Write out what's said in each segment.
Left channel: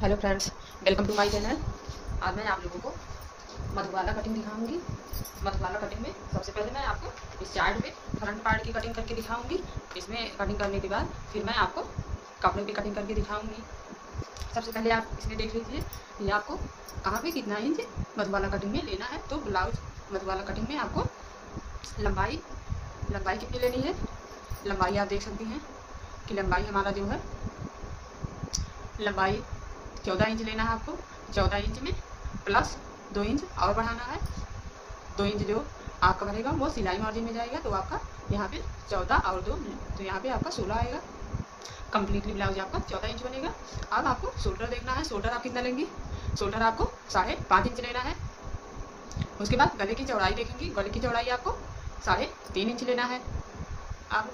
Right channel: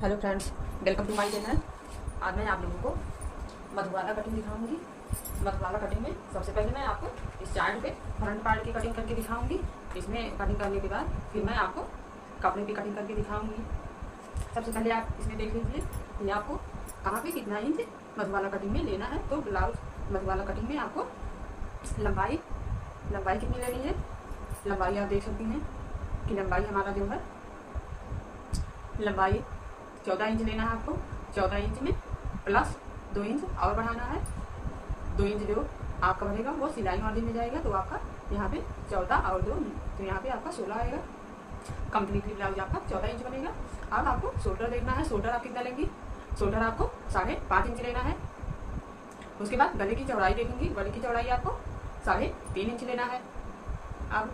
Hello friends, welcome to my channel. आज मैं आप लोगों को मधुबाला कटिंग दिखाऊंगी। मधुबाला कटिंग में सबसे पहले मैं आपको इस चार्ट पे फ्रंट पार्ट की कटिंग करके दिखाऊंगी। इसमें कटिंग करने के बाद फिर मैं आपको कपड़े की कटिंग करके दिखाऊंगी। सबसे पहले आप इसमें देख लीजिए ये आपको कहाँ पे कितना इंच मधुबाला कटिंग में लेना है। तो ब्लाउज मधुबाला कटिंग में आपको लंबाई लंबाई कितनी लेनी है। लंबाई आप देख सकती हैं कि लंबाई हमारा जो है लंबाई 14 इंच लेना है आपको। 14 इंच में प्लस 2 इंच और बढ़ाना है। 2 इंच जो आपका बनेगा वो सिलाई मार्जिन में जाएगा, तो आपका यहाँ पे 14 और 2 तो यहाँ पे आपका 16 आएगा। कंप्लीटली ब्लाउज आपका 14 इंच बनेगा। अब आपको शोल्डर देखना है। शोल्डर आप कितना लेंगी। शोल्डर आपको 5.5 इंच लेना है। उसके बाद गले की चौड़ाई देखेंगी। गले की चौड़ाई आपको 3.5 इंच लेना है। अब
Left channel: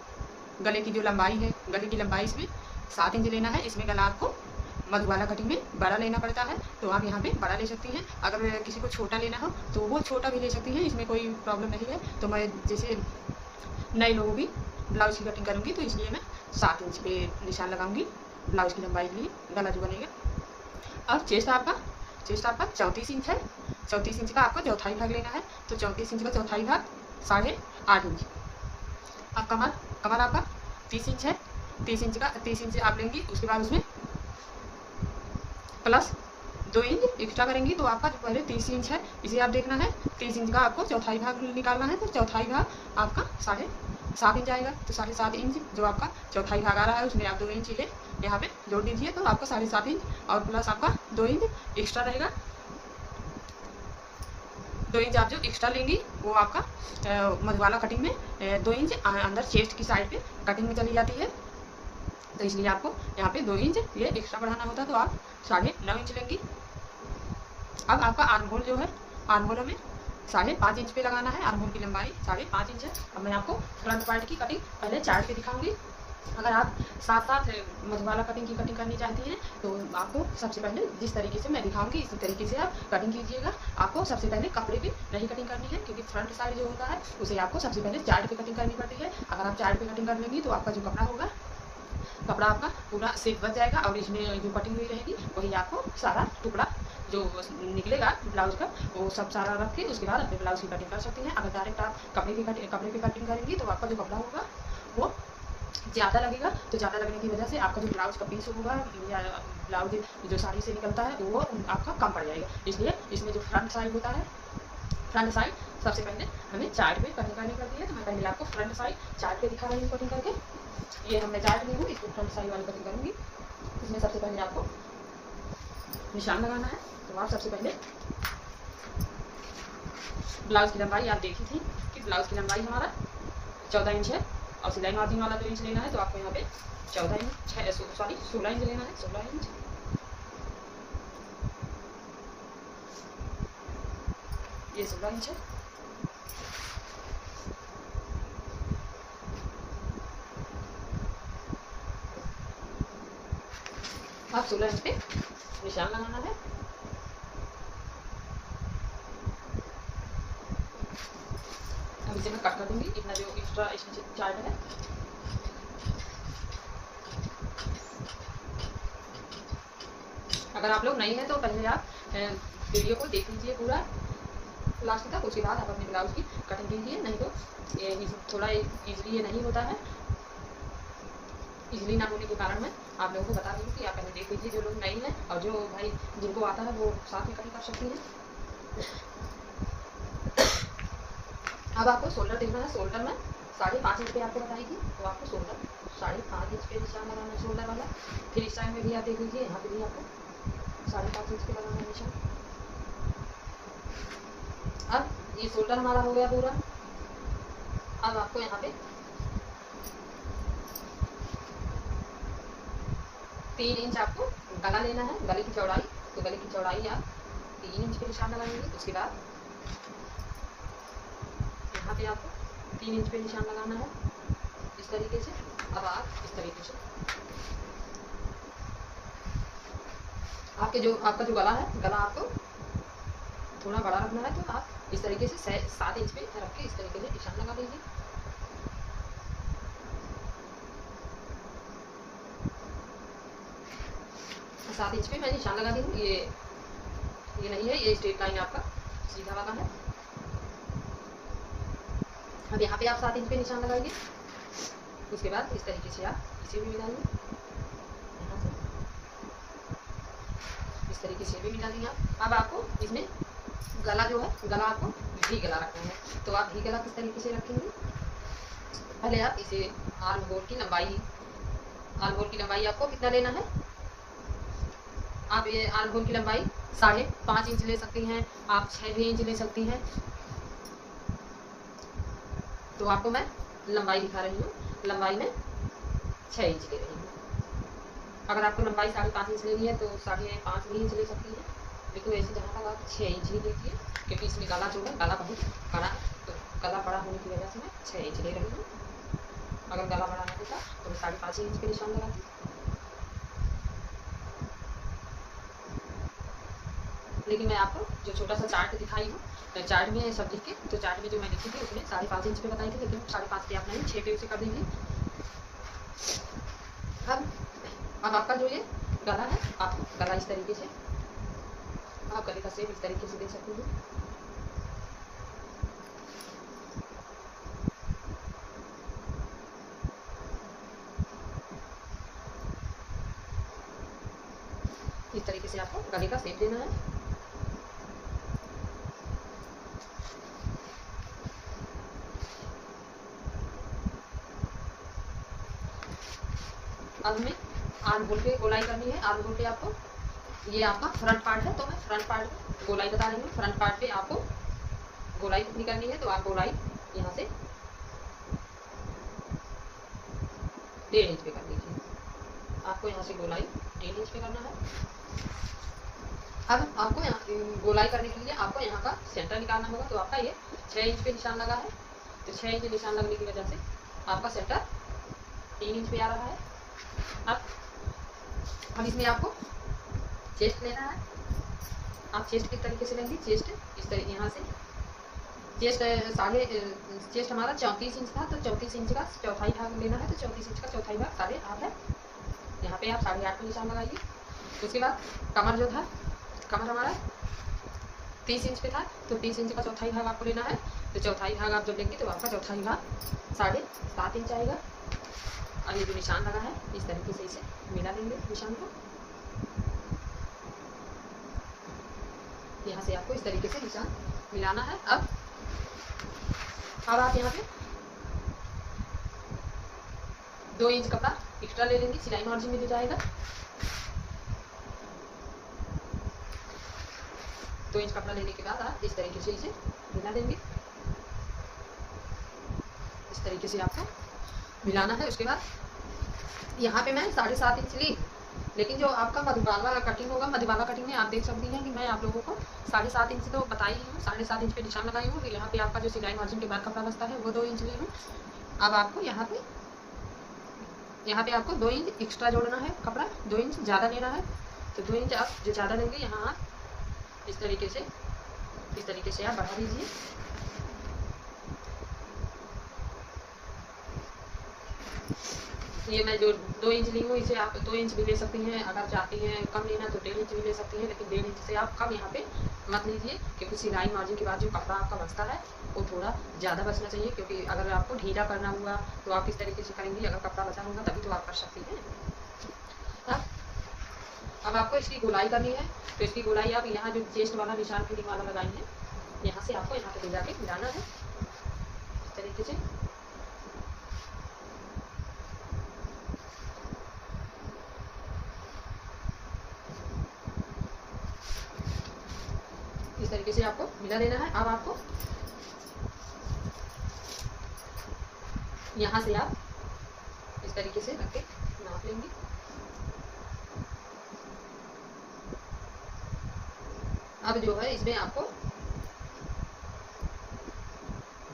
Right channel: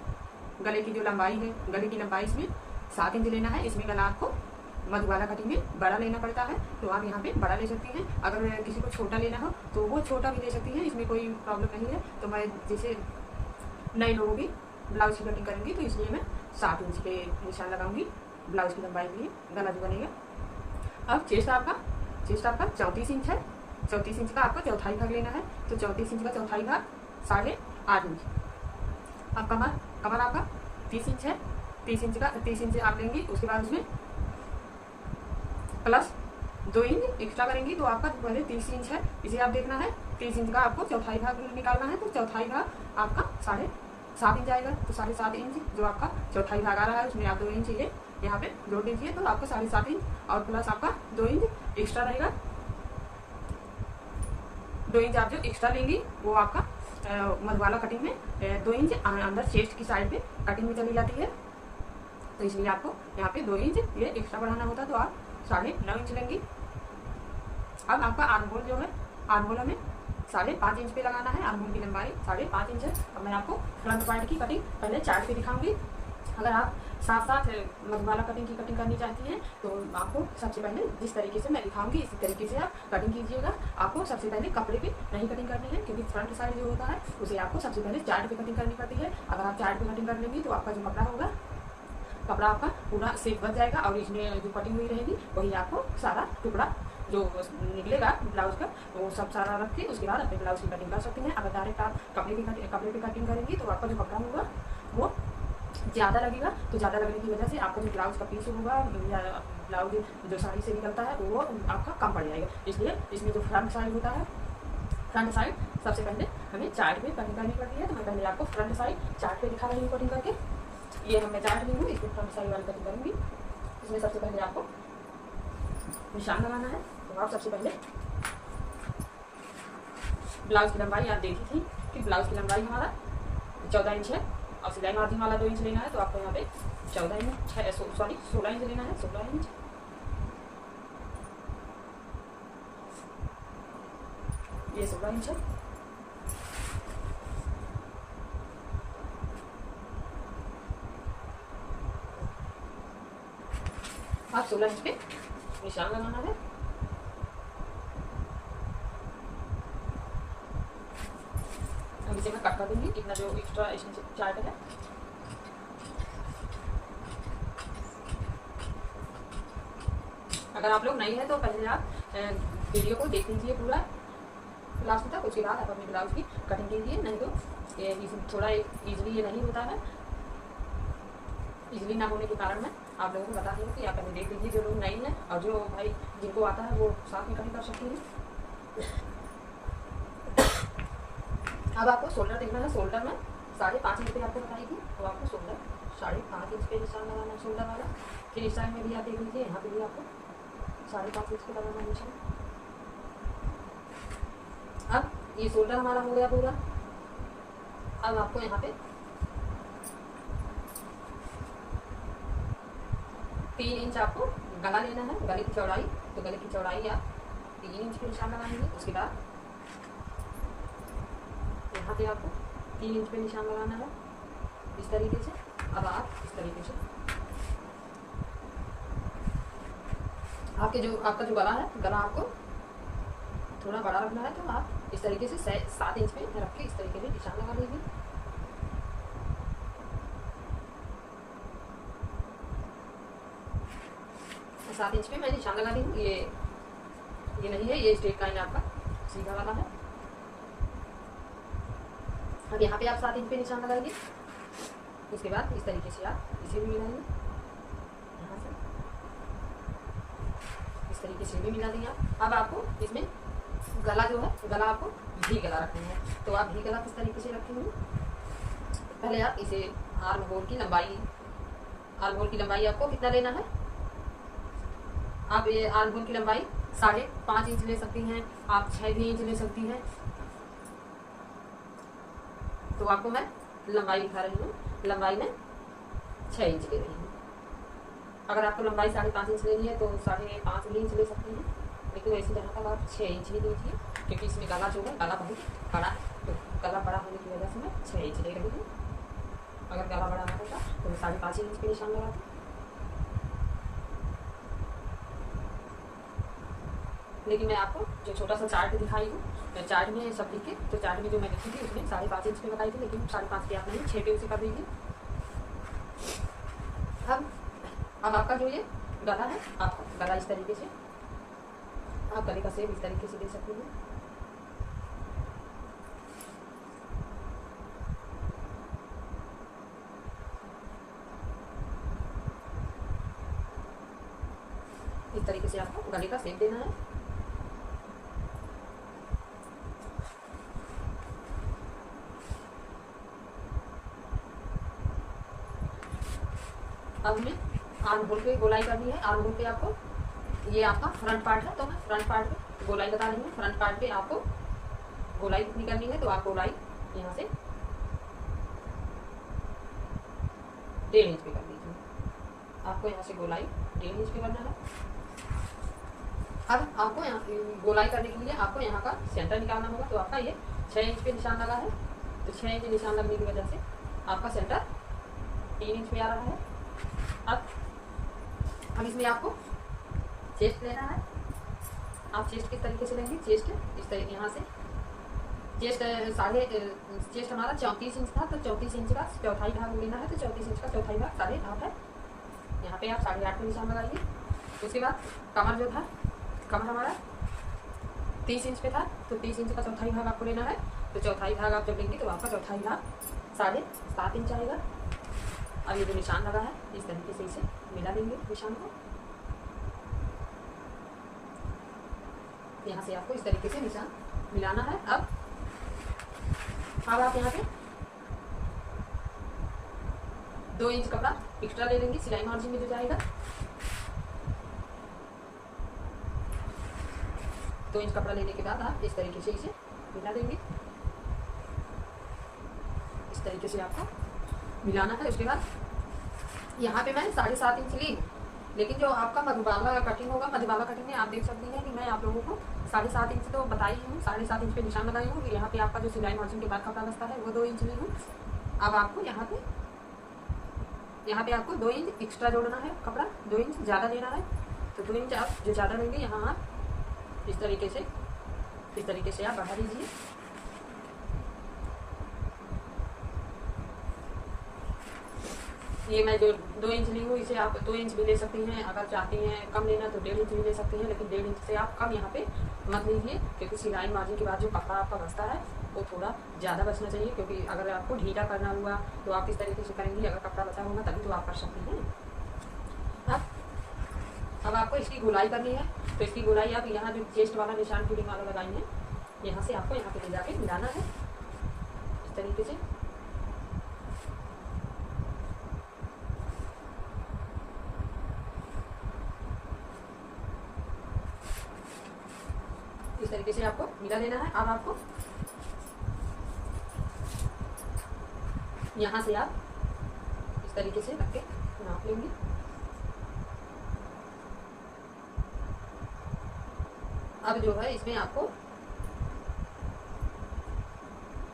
गले की जो लंबाई है, गले की लंबाई इसमें 7 इंच लेना है। इसमें गला आपको मधुबाला कटिंग में बड़ा लेना पड़ता है, तो आप यहाँ पे बड़ा ले सकती हैं। अगर किसी को छोटा लेना हो तो वो छोटा भी ले सकती हैं, इसमें कोई प्रॉब्लम नहीं है। तो मैं जैसे नए लोगों की ब्लाउज की कटिंग करूँगी तो इसलिए मैं 7 इंच पे निशान लगाऊंगी ब्लाउज की लंबाई के लिए, गला जो बनेगा। अब चेस्ट आपका 34 इंच है। 34 इंच का आपका चौथाई भाग लेना है। तो 34 इंच का चौथाई भाग 8.5 इंच। अब कमर कमर आपका 30 इंच है। 30 इंच आप लेंगी। उसके बाद उसमें प्लस 2 इंच एक्स्ट्रा करेंगी, तो आपका जो पहले 30 इंच है इसे आप देखना है। 30 इंच का आपको चौथाई भाग निकालना है। तो चौथाई भाग आपका 7.5 इंच आएगा। तो 7.5 इंच जो आपका चौथाई भाग आ रहा है उसमें आप 2 इंच ये यहाँ पे जोड़ दीजिए, तो आपका 7.5 इंच और प्लस आपका 2 इंच एक्स्ट्रा रहेगा। 2 इंच आप जो एक्स्ट्रा लेंगी वो आपका मधुबाला कटिंग में 2 इंच अंदर चेस्ट की साइड पे कटिंग में चली जाती है, तो इसलिए आपको यहाँ पे 2 इंच ये एक्स्ट्रा बढ़ाना होता है। तो आप 9.5 इंच लेंगी। अब आपका आर्महोल जो है, आर्महोल में 5.5 इंच पे लगाना है। आर्महोल की लंबाई 5.5 इंच है। अब मैं आपको फ्रंट पार्ट की कटिंग पहले चार्ट पे दिखाऊंगी। अगर आप साथ साथ मधुबाला कटिंग की कटिंग करनी चाहती हैं तो आपको सबसे पहले जिस तरीके से मैं दिखाऊंगी इसी तरीके से आप कटिंग कीजिएगा। आपको सबसे पहले कपड़े पे नहीं कटिंग करनी है, क्योंकि फ्रंट साइड जो होता है उसे आपको सबसे पहले चार्ट पे कटिंग करनी पड़ती है। अगर आप चार्ट पे कटिंग कर लेंगी तो आपका जो कपड़ा आपका पूरा सेफ बच जाएगा, और इसमें जो कटिंग हुई रहेगी वही आपको सारा टुकड़ा जो निकलेगा ब्लाउज का वो सब सारा रख के उसके बाद अपने ब्लाउज की कटिंग कर सकती हैं। अगर डायरेक्ट आप कपड़े पे कटिंग करेंगी तो आपका जो कपड़ा होगा वो ज़्यादा लगेगा। तो ज़्यादा लगने की वजह से आपका जो ब्लाउज का पीस होगा या ब्लाउज जो साड़ी से निकलता है वो आपका कम पड़ जाएगा। इसलिए इसमें जो फ्रंट साइड होता है, फ्रंट साइड सबसे पहले हमें चार्ट पे कटिंग करनी पड़ती है। तो मैं पहले आपको फ्रंट साइड चार्ट पे दिखा रही हूँ कटिंग करके। ये हमने चार्ट ली हूँ, इसको फ्रंट साइड वाली कटिंग करूँगी। इसमें सबसे पहले आपको निशान लगाना है। तो आप सबसे पहले ब्लाउज की लंबाई आप देखी थी कि ब्लाउज की लंबाई हमारा 14 इंच है और सिलाई मार्जिन वाला 2 इंच लेना है। तो आपको यहाँ पे 16 इंच लेना है। 16 इंच ये 16 इंच है। आप 16 इंच पे निशान लगाना है। हम इसे मैं कट कर दूंगी इतना जो एक्स्ट्रा इसमें चार्ट है। अगर आप लोग नहीं है तो पहले आप वीडियो को देख लीजिए पूरा लास्ट तक, उसके बाद आप अपने ब्लाउज की कटिंग कीजिए। नहीं तो ये थोड़ा ईजिली ये नहीं होता है। ईजिली ना होने के कारण मैं आप लोगों को बता दूँ कि आप पहले देख लीजिए, जो लोग नहीं है और जो भाई जिनको आता है वो साथ में कटिंग कर सकती हैं। अब आपको शोल्डर देखना है। शोल्डर में 5.5 इंच पे आपको बताई थी, तो आपको शोल्डर 5.5 इंच पे निशान लगाना है शोल्डर वाला। फिर इस साइड में भी आप देख लीजिए, यहाँ पे भी आपको 5.5 इंच पे लगाना है निशान। अब ये शोल्डर हमारा हो गया पूरा। अब आपको यहाँ पे 3 इंच आपको गला लेना है, गले की चौड़ाई। तो गले की चौड़ाई आप 3 इंच पे निशान लगाएंगे। उसके बाद यहाँ पे आपको 3 इंच पे निशान लगाना है इस तरीके से। अब आप इस तरीके से आपका जो गला है, गला आपको थोड़ा बड़ा रखना है। तो आप इस तरीके से 7 इंच पे रख के इस तरीके से निशान लगा दीजिए। 7 इंच पे मैं निशान लगा दी हूँ। ये नहीं है, ये स्ट्रेट लाइन आपका सीधा वाला है। अब यहाँ पे आप 7 इंच पे निशान लगाएंगे। उसके बाद इस तरीके से आप इसे भी मिलाएंगे, यहाँ से इस तरीके से भी मिला देंगे आप। अब आपको इसमें गला जो है, गला आपको भी गला रखना है। तो आप भी गला किस तरीके से रखेंगे, पहले आप इसे आर्म होल की लंबाई, आर्म होल की लंबाई आपको कितना लेना है, आप ये आर्म होल की लंबाई 5.5 इंच ले सकती हैं, आप 6 इंच ले सकती हैं। तो आपको मैं लंबाई दिखा रही हूँ, लंबाई में 6 इंच ले रही हूँ। अगर आपको लंबाई 5.5 इंच लेनी है तो 5.5 भी इंच ले सकती हैं, लेकिन वैसे जहाँ तक आप 6 इंच ही लीजिए, क्योंकि इसमें गला जो है, गला बहुत बड़ा है, तो गला बड़ा होने की वजह से मैं 6 इंच ले रही हूँ। अगर गला बड़ा ना होता तो मैं 5.5 इंच पे निशान लगाती। लेकिन मैं आपको जो छोटा सा चार्ट दिखाई हूँ, चार्ट में सब लिख के, तो चार्ट में जो मैं लिखी थी उसमें 5.5 इंच पे बताई थी, लेकिन 5.5 पे आप नहीं 6 पे उसे कर दीजिए। अब आपका जो ये गला है, आप गला इस तरीके से, आप गले का शेप इस तरीके से दे सकते हैं। इस तरीके से आपको गले का शेप देना है। अब हमें आर्म होल पे गोलाई करनी है। आर्म होल पे आपको, ये आपका फ्रंट पार्ट है तो मैं फ्रंट पार्ट पे गोलाई बता रही हूँ। फ्रंट पार्ट पे आपको गोलाई कितनी करनी है, तो आप गोलाई यहाँ से 1.5 इंच पे कर दीजिए। आपको यहाँ से गोलाई 1.5 इंच पे करना है। अब आपको यहाँ गोलाई करने के लिए आपको यहाँ का सेंटर निकालना होगा। तो आपका ये 6 इंच पे निशान लगा है, तो 6 इंच निशान लगने की वजह से आपका सेंटर 3 इंच पे आ रहा है। अब इसमें आपको चेस्ट लेना है। आप चेस्ट किस तरीके से लेंगे, चेस्ट इस तरीके, यहाँ से चेस्ट हमारा 34 इंच था, तो 34 इंच का चौथाई भाग लेना है। तो 34 इंच का चौथाई भाग 8.5 है। यहाँ पे आप 8.5 पे निशान लगाइए। उसके बाद कमर जो था, कमर हमारा 30 इंच पे था, तो 30 इंच का चौथाई भाग आपको लेना है। तो चौथाई भाग आप जब लेंगे तो आपका चौथाई भाग 7.5 इंच आएगा। अब ये जो निशान लगा है, इस तरीके से इसे मिला देंगे निशान को। यहाँ से आपको इस तरीके से निशान मिलाना है। अब आप यहाँ पे 2 इंच कपड़ा एक्स्ट्रा ले लेंगे, सिलाई मार्जिन में जो जाएगा। 2 इंच कपड़ा लेने के बाद आप इस तरीके से इसे मिला देंगे। इस तरीके से आपको मिलाना है। उसके बाद यहाँ पे मैं 7.5 इंच ली, लेकिन जो आपका मधुबाला कटिंग होगा, मधुबाला कटिंग में आप देख सकती हैं कि मैं आप लोगों को 7.5 इंच तो बताई हूँ, 7.5 इंच पे निशान लगाई हूँ। यहाँ पे आपका जो सिलाई मार्जिन के बाद कपड़ा बचता है वो 2 इंच ली हूँ। अब आपको यहाँ पे आपको 2 इंच एक्स्ट्रा जोड़ना है, कपड़ा 2 इंच ज़्यादा लेना है। तो 2 इंच आप जो ज़्यादा लेंगे, यहाँ आप इस तरीके से आप बढ़ा दीजिए। ये मैं जो 2 इंच ली हूँ, इसे आप 2 इंच भी ले सकती हैं। अगर चाहती हैं कम लेना तो 1.5 इंच भी ले सकती हैं, लेकिन 1.5 इंच से आप कम यहाँ पे मत लीजिए, क्योंकि सिलाई मार्जिन के बाद जो कपड़ा आपका बचता है वो थोड़ा ज़्यादा बचना चाहिए। क्योंकि अगर आपको ढीला करना हुआ तो आप किस तरीके से करेंगी, अगर कपड़ा बचा होगा तभी तो आप कर सकती हैं। अब आपको इसकी गोलाई करनी है। तो इसकी गोलाई आप यहाँ जो चेस्ट वाला निशान फीडिंग वाला लगाई है, यहाँ से आपको यहाँ पे ले जाके मिलाना है इस तरीके से। इस तरीके से आपको मिला देना है। अब आपको यहाँ से आप इस तरीके से रख के नाप लेंगे। अब जो है इसमें आपको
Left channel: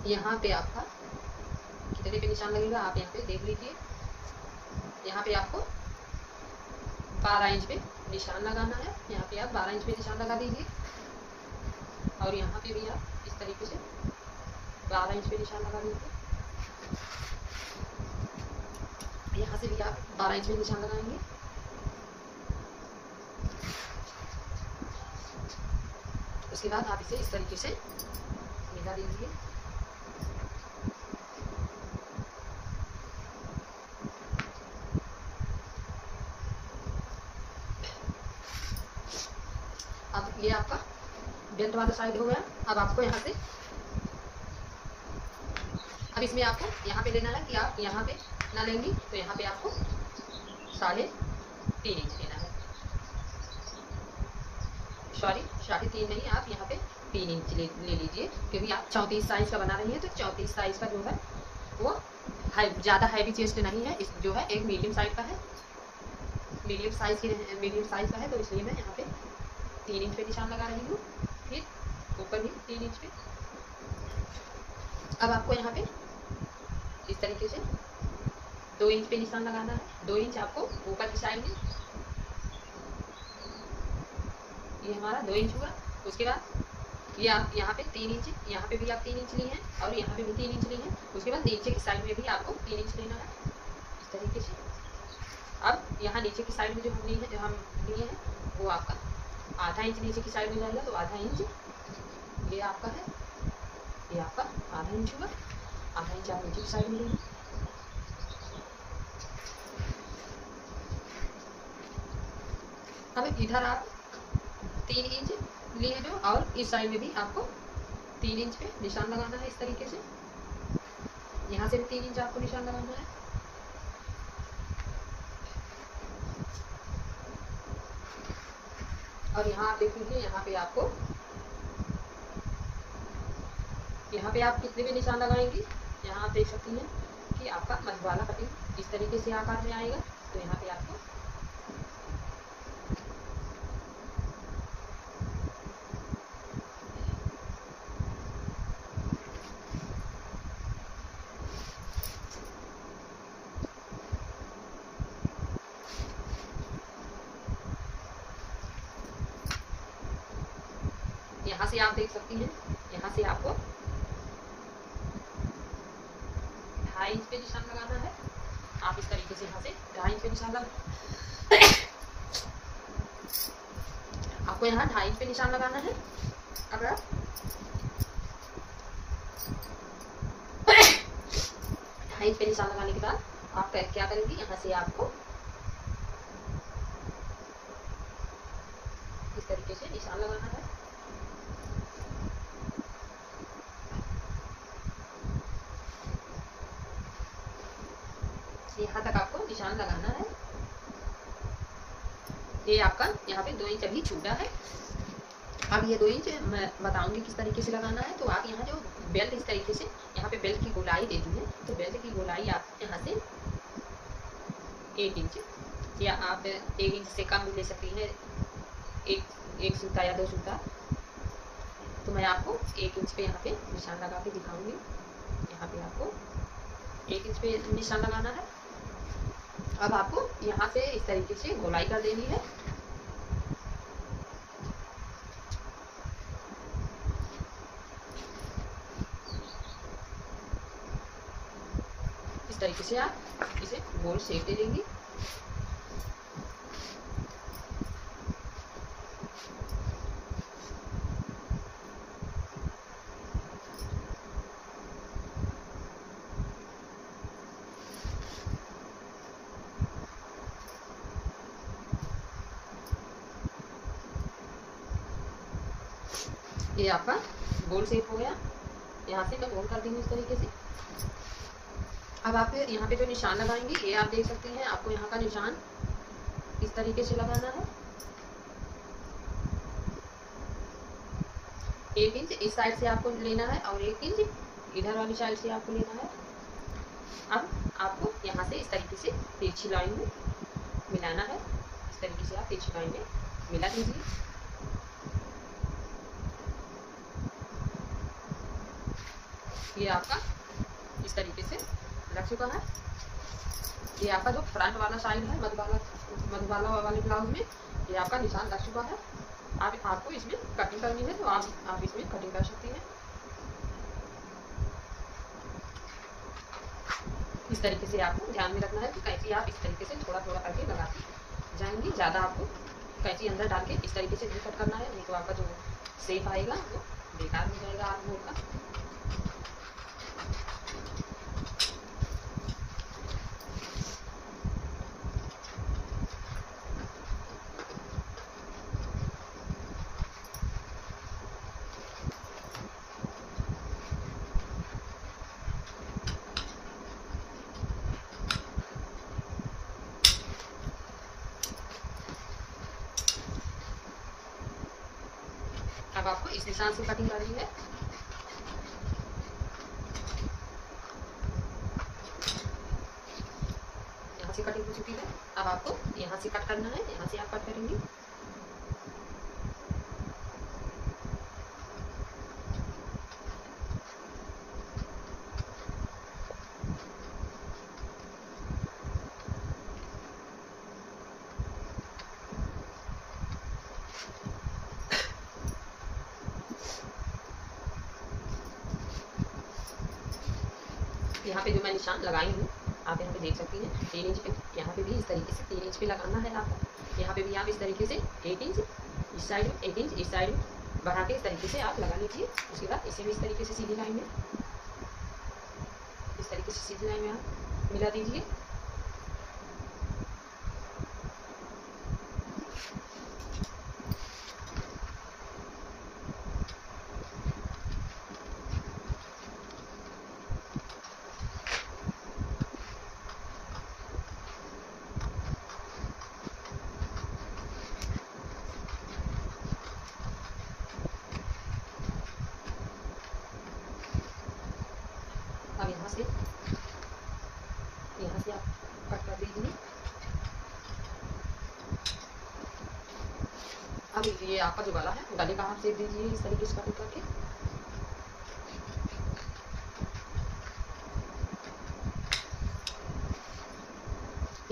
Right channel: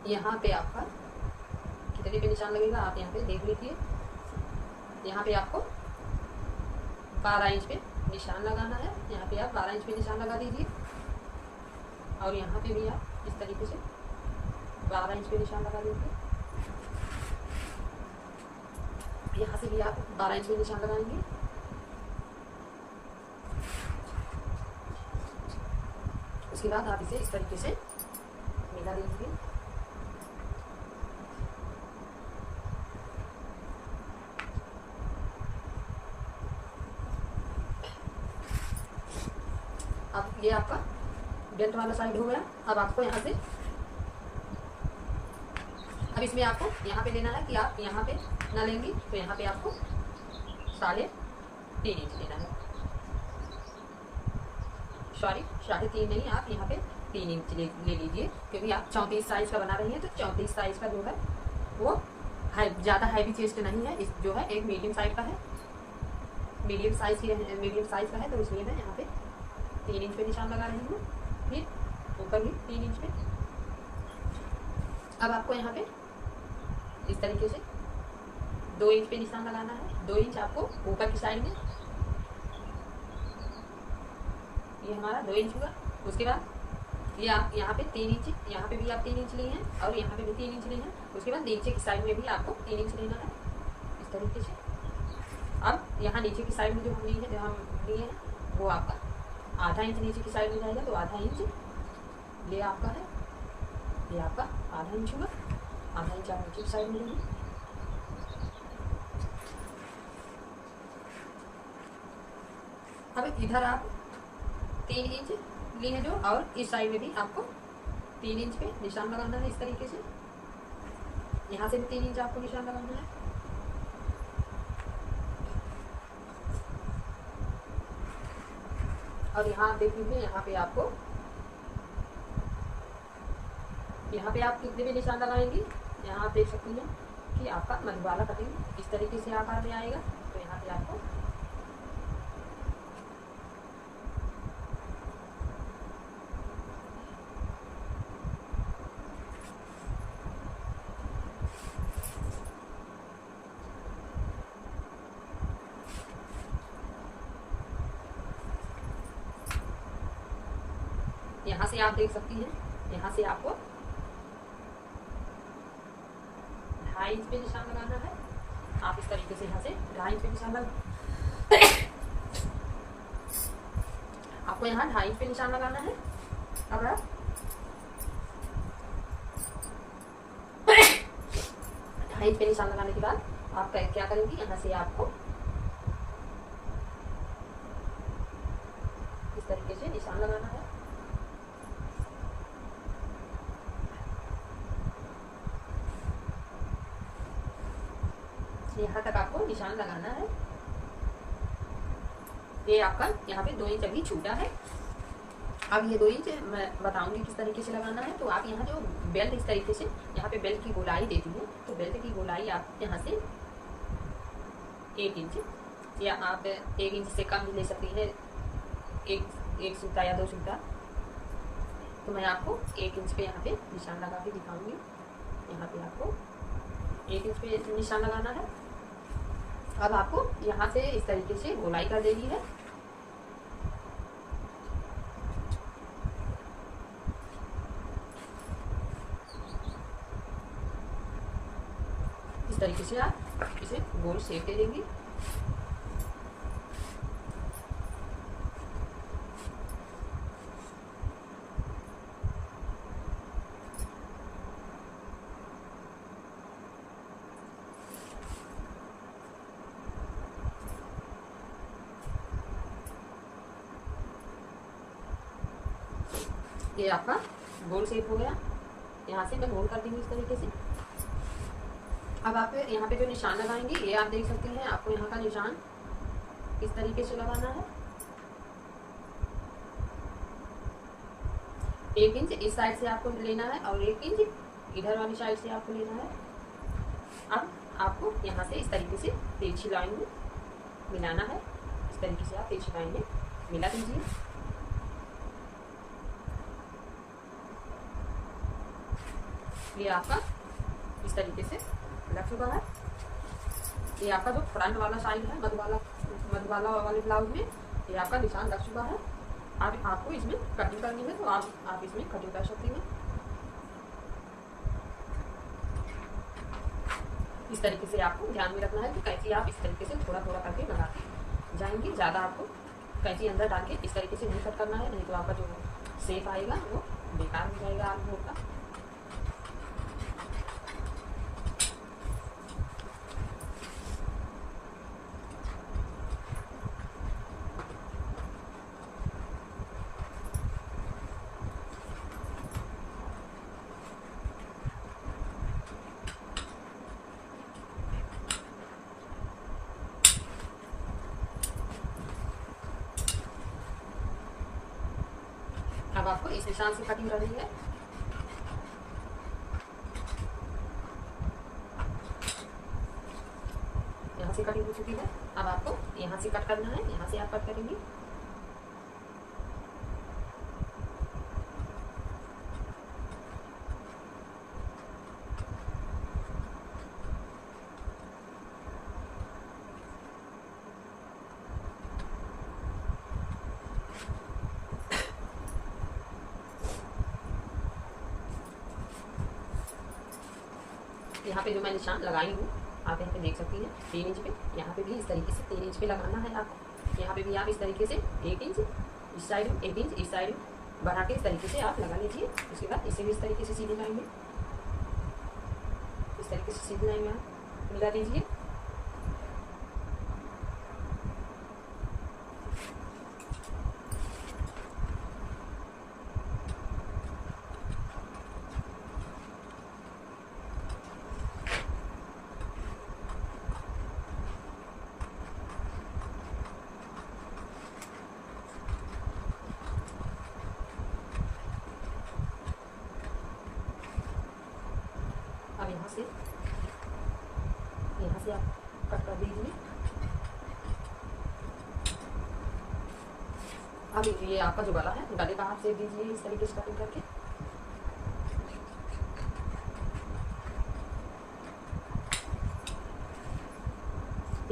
यहाँ पे आपका कितने पे निशान लगेगा आप यहाँ पे देख लीजिए। यहाँ पे आपको 12 इंच पे निशान लगाना है। यहाँ पे आप 12 इंच पे निशान लगा दीजिए, और यहाँ पे भी आप इस तरीके से 12 इंच पे निशान लगा दीजिए। यहाँ से भी आप 12 इंच पे निशान लगाएंगे। उसके बाद आप इसे इस तरीके से मिला दीजिए। अब ये आपका बेल्ट वाला साइड हो गया। अब आपको यहाँ से, अब इसमें आपको यहाँ पे लेना है कि आप यहाँ पे ना लेंगी तो यहाँ पे आपको 3.5 इंच लेना है। सॉरी 3.5 नहीं, आप यहाँ पे 3 इंच ले लीजिए, क्योंकि आप 34 साइज का बना रही हैं। तो 34 साइज का जो है वो ज़्यादा हैवी चेस्ट नहीं है, इस जो है एक मीडियम साइज का है, मीडियम साइज का है। तो इसलिए मैं यहाँ पे 3 इंच पे निशान लगा रही हूँ, फिर ऊपर भी 3 इंच पे। अब आपको यहाँ पे इस तरीके से 2 इंच पे निशान लगाना है। 2 इंच आपको ऊपर की साइड में, ये हमारा 2 इंच हुआ। उसके बाद ये आप यहाँ पे 3 इंच, यहाँ पे भी आप 3 इंच ली हैं और यहाँ पे भी 3 इंच ली हैं। उसके बाद नीचे की साइड में भी आपको 3 इंच लेना है इस तरीके से। अब यहाँ नीचे की साइड में जो हम लिए हैं वो आपका आधा इंच नीचे की साइड में जाएगा, तो आधा इंच ये आपका है, ये आपका आधा इंच हुआ। आधा इंच आप नीचे की साइड में लेंगे। अब इधर आप 3 इंच लिए जो, और इस साइड में भी आपको 3 इंच पे निशान लगाना है इस तरीके से। यहाँ से भी 3 इंच आपको निशान लगाना है। और यहाँ आप देख लीजिए, यहाँ पे आप कितने भी निशान लगाएंगी, यहाँ आप देख सकती हैं कि आपका मधुबाला कटिंग इस तरीके से आकार में आएगा। तो यहाँ पे आपको यहाँ से आप देख सकती हैं, यहाँ से आपको 2.5 इंच पे निशान लगाना है। आप इस तरीके से यहाँ से 2.5 इंच पे निशान आपको यहाँ 2.5 इंच पे निशान लगाना है। अब आप 2.5 इंच पे निशान लगाने के बाद आप क्या करेंगी, यहाँ से आपको इस तरीके से निशान लगाना है। यहाँ तक आपको निशान लगाना है। ये आपका यहाँ पे 2 इंच अभी छूटा है। अब ये 2 इंच मैं बताऊंगी किस तरीके से लगाना है। तो आप यहाँ जो बेल्ट इस तरीके से, यहाँ पे बेल्ट की गोलाई देती है, तो बेल्ट की गोलाई आप यहाँ से 1 इंच, या आप 1 इंच से कम ले सकती हैं, एक सूता या 2 सूता। तो मैं आपको 1 इंच पे यहाँ पे निशान लगा के दिखाऊंगी। यहाँ पे आपको 1 इंच पे निशान लगाना है। अब आपको यहाँ से इस तरीके से गोलाई कर देनी है। इस तरीके से आप इसे गोल शेप दे देंगी। ये आपका गोल शेप हो गया। यहाँ से मैं गोल कर दूंगी इस तरीके से। अब आप यहाँ पे जो निशान लगाएंगे, ये आप देख सकते हैं, आपको यहाँ का निशान इस तरीके से लगाना है। 1 इंच इस साइड से आपको लेना है और 1 इंच इधर वाली साइड से आपको लेना है। अब आपको यहाँ से इस तरीके से तिरछी लाइन में मिलाना है। इस तरीके से आप तिरछी लाइन में मिला दीजिए। ये आपका इस तरीके से लग चुका है। ये आपका जो फ्रंट वाला साइड है मधुबाला वाले ब्लाउज में, ये आपका निशान लग चुका है। आपको इसमें कटिंग करनी है, तो आप इसमें कटिंग कर सकती हैं। इस तरीके से आपको ध्यान में रखना है कि कैंची आप इस तरीके से थोड़ा थोड़ा करके लगाती जाएंगी। ज़्यादा आपको कैंची अंदर डाल के इस तरीके से नहीं कट करना है, नहीं तो आपका जो सेफ आएगा वो बेकार हो जाएगा आर्म होल का। अब आपको इस निशान से कटिंग करनी है। यहाँ से कटिंग हो चुकी है। अब आपको यहाँ से कट करना है, यहाँ से आप कट करेंगे। यहाँ पे जो मैं निशान लगाई हूँ आप यहाँ पे देख सकती हैं 3 इंच पे। यहाँ पे भी इस तरीके से 3 इंच पे लगाना है आपको। यहाँ पे भी आप इस तरीके से 1 इंच इस साइड में, 1 इंच इस साइड में बढ़ा के इस तरीके से आप लगा लीजिए। उसके बाद इसे भी इस तरीके से सीधी लाइन में, इस तरीके से सीधी लाइन में आप मिला दीजिए। अब यहाँ से आप कट कर दीजिए। अब ये आपका जो गला है, गले का आप सेप दीजिए इस तरीके से कटिंग करके।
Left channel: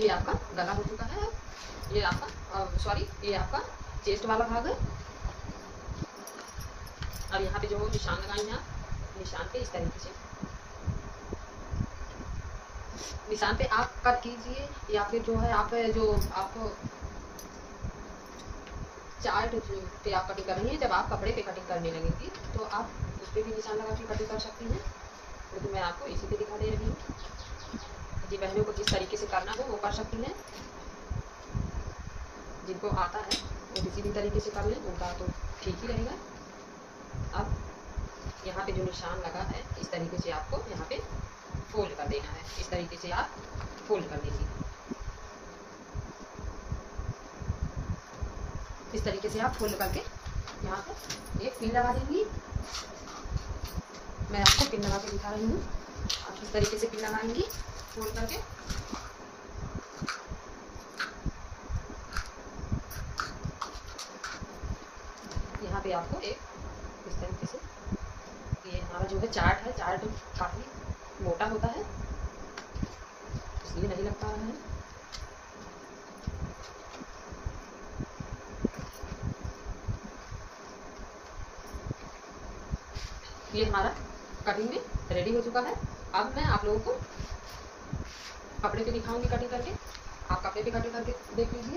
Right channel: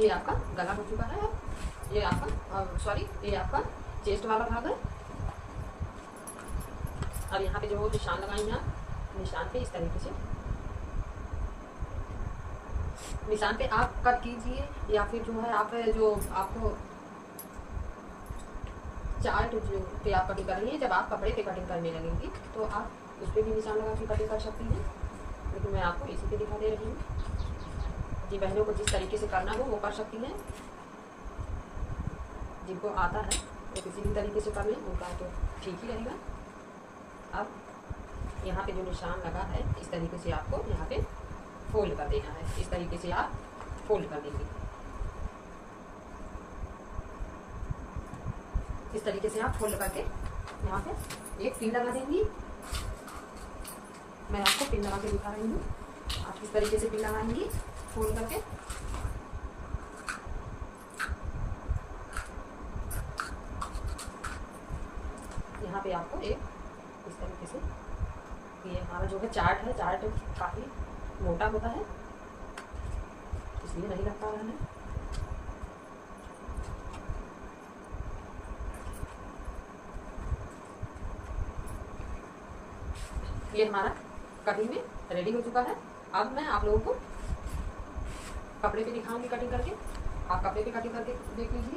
ये आपका गला हो चुका है। ये आपका सॉरी ये आपका चेस्ट वाला भाग है। अब यहाँ पे जो निशान लगाई हैं आप, निशान पे इस तरीके से निशान पे आप कट कीजिए, या फिर जो है आप जो आपको चार्ट पे आप कटिंग कर रही हैं, जब आप कपड़े पे कटिंग करने लगेंगी तो आप उस पर भी निशान लगा के कटिंग कर सकती हैं। लेकिन मैं आपको इसी पे दिखा दे रही हूँ। जी बहनों को जिस तरीके से करना हो वो कर सकती हैं। जिनको आता है वो किसी भी तरीके से कर लें, उनका तो ठीक ही रहेगा। अब यहाँ पे जो निशान लगा है इस तरीके से आपको यहाँ पे फोल्ड कर देना है। इस तरीके से आप फोल्ड कर देंगे। इस तरीके से आप फोल्ड करके यहाँ पे एक पिन लगा देंगी। मैं आपको पिन लगा के दिखा रही हूँ। आप इस तरीके से पिन लगाएंगी फोल्ड करके। यहाँ पे आपको एक इस तरीके से, ये हमारा जो है चार्ट है, चार्ट काफ़ी मोटा होता है इसलिए नहीं लग पा रहा है। ये हमारा कटिंग में रेडी हो चुका है। अब मैं आप लोगों को कपड़े पे दिखाऊंगी कटिंग करके। आप कपड़े पे कटिंग करके देख लीजिए।